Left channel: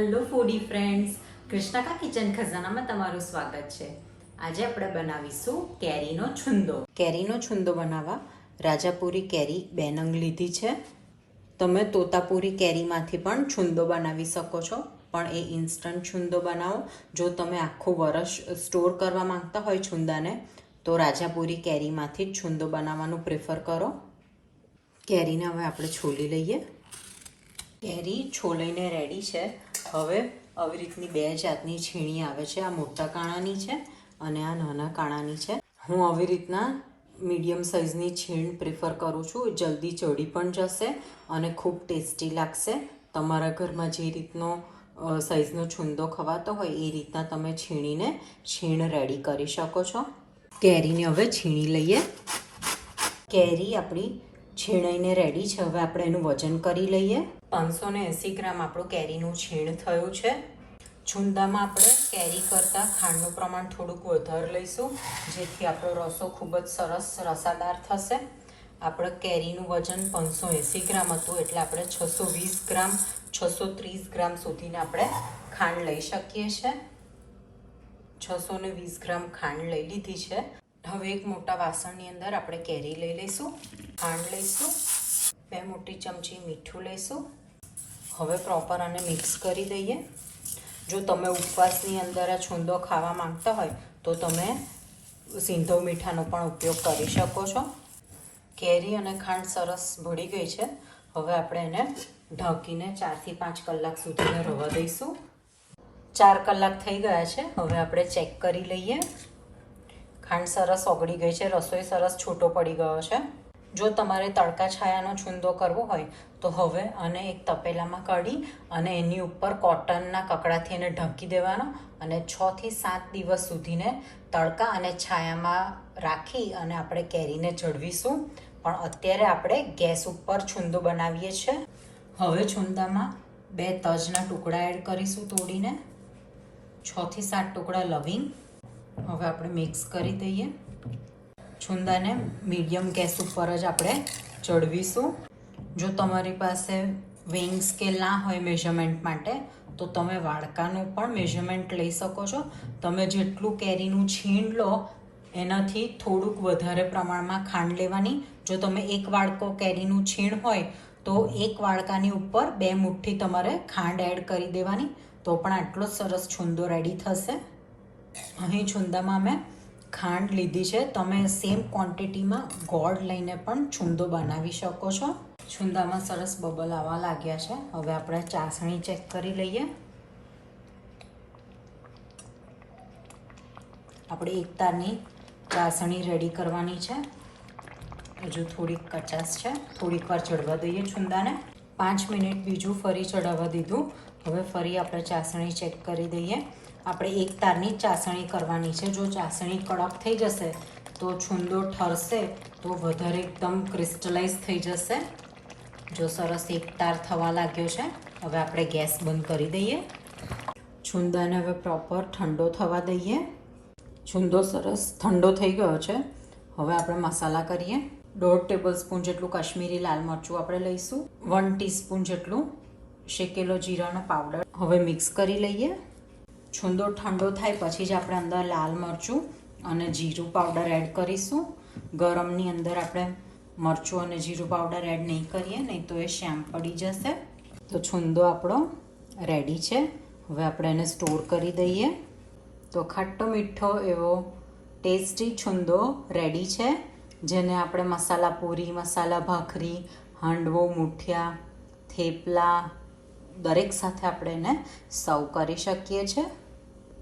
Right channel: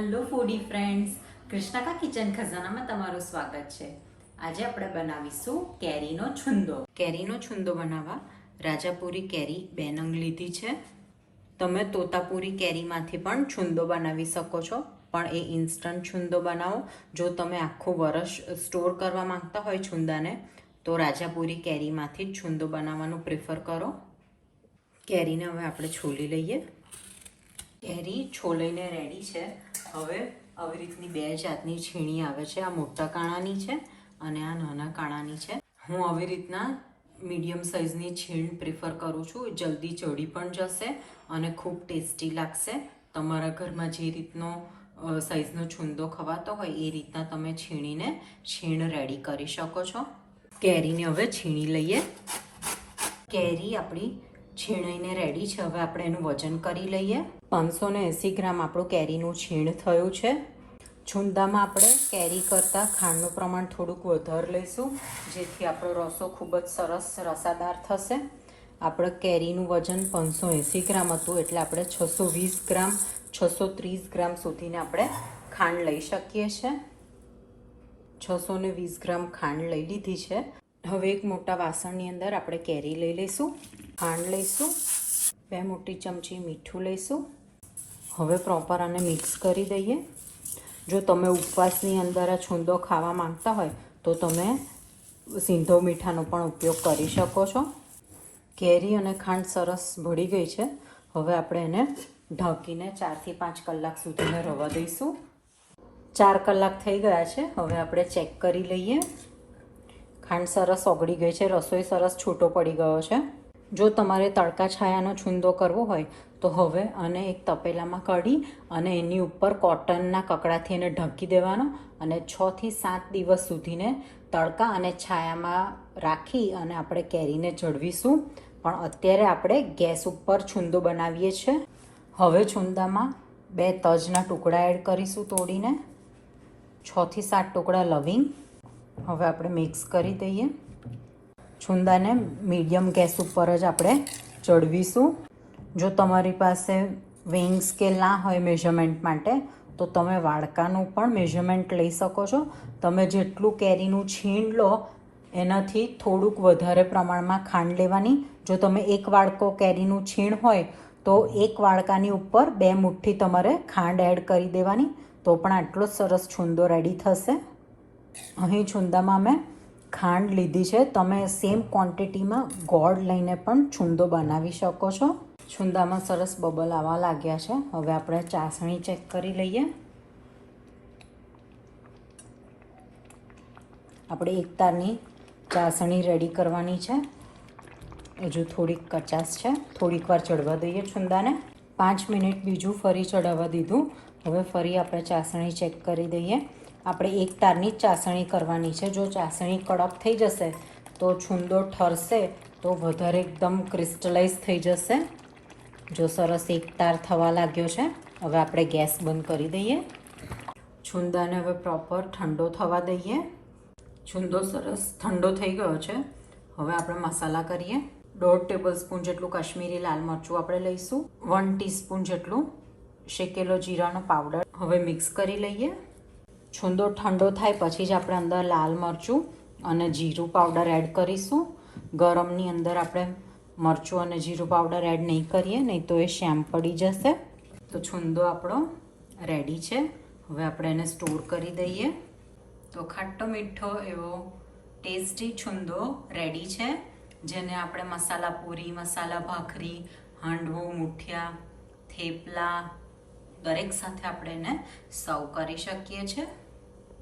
Hello ફૂડી friends, કૃષ્ણકા kitchen ખજાનામાં તમારું સ્વાગત છે. આજે આપણે બનાવીશું કેરીનો છુંદો. કેરીનો છુંદો બનાવવા રાજાપુરી કેરી 2 નંગ લીધી છે. તમે તોતાપુરી કેરીમાંથી પણ છુંદો બનાવી શકો છો, પણ એ ઇન્સ્ટન્ટ છુંદો બનાવો. જો તમે આખું વરસ સ્ટોર કરવા માંગતા હોય છુંદાને, તો રાજાપુરી કેરીમાંથી જ છુંદો બનાવવાનું પ્રિફર કરો. કેરીને હવે આપણે છોલી લઈએ. કેરી છોલાઈને રેડી છે. હવે આવી રીતની 2 જાતની છીણી આવે છે. આ મોટા કાણાની છે અને આ નાના કાણાની છે. હું આવી રીતના મીડિયમ સાઇઝની છીણ પ્રિફર કરું છું. જલ્દી ચડી પણ જશે અને ખૂબ ટેસ્ટી લાગશે. તમારા ઘરમાં જે રીતનો સાઇઝનો છુંદો ખવાતો હોય એ રીતના તમે છીણ રેડી કરી શકો છો. કેરીને હવે છીણી લઈએ. કેરી આપણી છીણાઈને રેડી છે. હવે આપણે એનું વજન કરી લઈએ. 580 ગ્રામ આપણું કેરીનું છીણ થયું છે. છુંદામાં આપણે કેરી કરતાં ખાંડનું પ્રમાણ થોડુંક વધારે લઈશું, જેથી આપણો રસો ખૂબ જ સરસ રસાદાર થશે. આપણે કેરીનું વજન 580 ગ્રામ હતું, એટલે આપણે 620 ગ્રામ 630 ગ્રામ સુધીને આપણે ખાંડ લઈ શકીએ છીએ. 620 ગ્રામ ખાંડ લઈ લીધી છે. હવે એક મોટા વાસણની અંદર આપણે કેરી લઈ લઈશું, ખાંડ લઈશું, 2 મોટી ચમચી મીઠું લઈશું. હવે પ્રોપર આને મિક્સ કરી દઈએ. જો તમે ઉપવાસની અંદર આ છુંદો ખાવા માંગતા હોય તો તમે સિંધો મીઠાનો પણ ઉપયોગ કરી શકો છો. કેરી અને ખાંડ સરસ ભળી ગઈ છે. હવે આપણે એને ઢાંકીને 4 થી 5 કલાક સુધીને રવા દઈશું. 4 કલાક થઈ ગયા છે. હવે આપણે ચેક કરી લઈએ. ખાંડ સરસ ઓગળી ગઈ છે, રસોઈ સરસ છૂટો પડી ગયો છે. જો તમારે તડકા છાયાનો છુંદો કરવો હોય તો હવે આને એક તપેલામાં કાઢી અને એની ઉપર કોટનના કકડાથી એને ઢાંકી દેવાનો અને 6 થી 7 દિવસ સુધીને તડકા અને છાયામાં રાખી અને આપણે કેરીને જળવીશું. પણ અત્યારે આપણે ગેસ ઉપર છુંદો બનાવીએ છીએ. હવે છુંદામાં 2 તજના ટુકડા એડ કરીશું તોડીને, 6 થી 7 ટુકડા લવિંગ. હવે આપણે મિક્સ કરી દઈએ. છુંદાને મીડિયમ ગેસ ઉપર જ આપણે ચડવીશું. જો તમારી પાસે વેઇંગ સ્કેલ ના હોય મેઝરમેન્ટ માટે, તો તમે વાડકાનું પણ મેઝરમેન્ટ લઈ શકો છો. તમે જેટલું કેરીનું છીણ લો એનાથી થોડુંક વધારે પ્રમાણમાં ખાંડ લેવાની. જો તમે 1 વાડકો કેરીનું છીણ હોય તો 1 વાડકાની ઉપર 2 મુઠ્ઠી તમારે ખાંડ એડ કરી દેવાની, તો પણ આટલો સરસ છુંદો રેડી થશે. અહીં છુંદામાં મેં ખાંડ લીધી છે. તમે સેમ ક્વોન્ટિટીમાં ગોળ લઈને પણ છુંદો બનાવી શકો છો. છુંદામાં સરસ બબલ આવવા લાગ્યા છે. હવે આપણે ચાસણી ચેક કરી લઈએ. આપણે 1 તારની ચાસણી રેડી કરવાની છે. હજુ થોડીક કચાશ છે, થોડીક વાર ચડવા દઈએ છુંદાને. 5 મિનિટ બીજું ફરી ચડાવવા દીધું. હવે ફરી આપણે ચાસણી ચેક કરી દઈએ. આપણે 1 તારની ચાસણી કરવાની છે. જો ચાસણી કડક થઈ જશે તો છુંદો ઠરશે તો વધારે એકદમ ક્રિસ્ટલાઇઝ થઈ જશે. જો સરસ 1 તાર થવા લાગ્યો છે. હવે આપણે ગેસ બંધ કરી દઈએ. છુંદાને હવે પ્રોપર ઠંડો થવા દઈએ. છુંદો સરસ ઠંડો થઈ ગયો છે. હવે આપણે મસાલા કરીએ. 1.5 ટેબલસ્પૂન જેટલું કાશ્મીરી લાલ મરચું આપણે લઈશું. 1 ટીસ્પૂન જેટલું શેકેલો જીરાનો પાવડર હવે મિક્સ કરી લઈએ. છુંદો ઠંડો થાય પછી જ આપણે અંદર લાલ મરચું અને જીરું પાવડર એડ કરીશું. ગરમની અંદર આપણે મરચું અને જીરું પાવડર એડ નહીં કરીએ, નહીં તો એ શ્યામ પડી જશે. તો છુંદો આપણો રેડી છે. હવે આપણે એને સ્ટોર કરી દઈએ. તો ખાટો મીઠો એવો ટેસ્ટી છુંદો રેડી છે, જેને આપણે મસાલા પૂરી, મસાલા ભાખરી, હાંડવો, મુઠિયા, થેપલા દરેક સાથે આપણે એને સર્વ કરી શકીએ છીએ.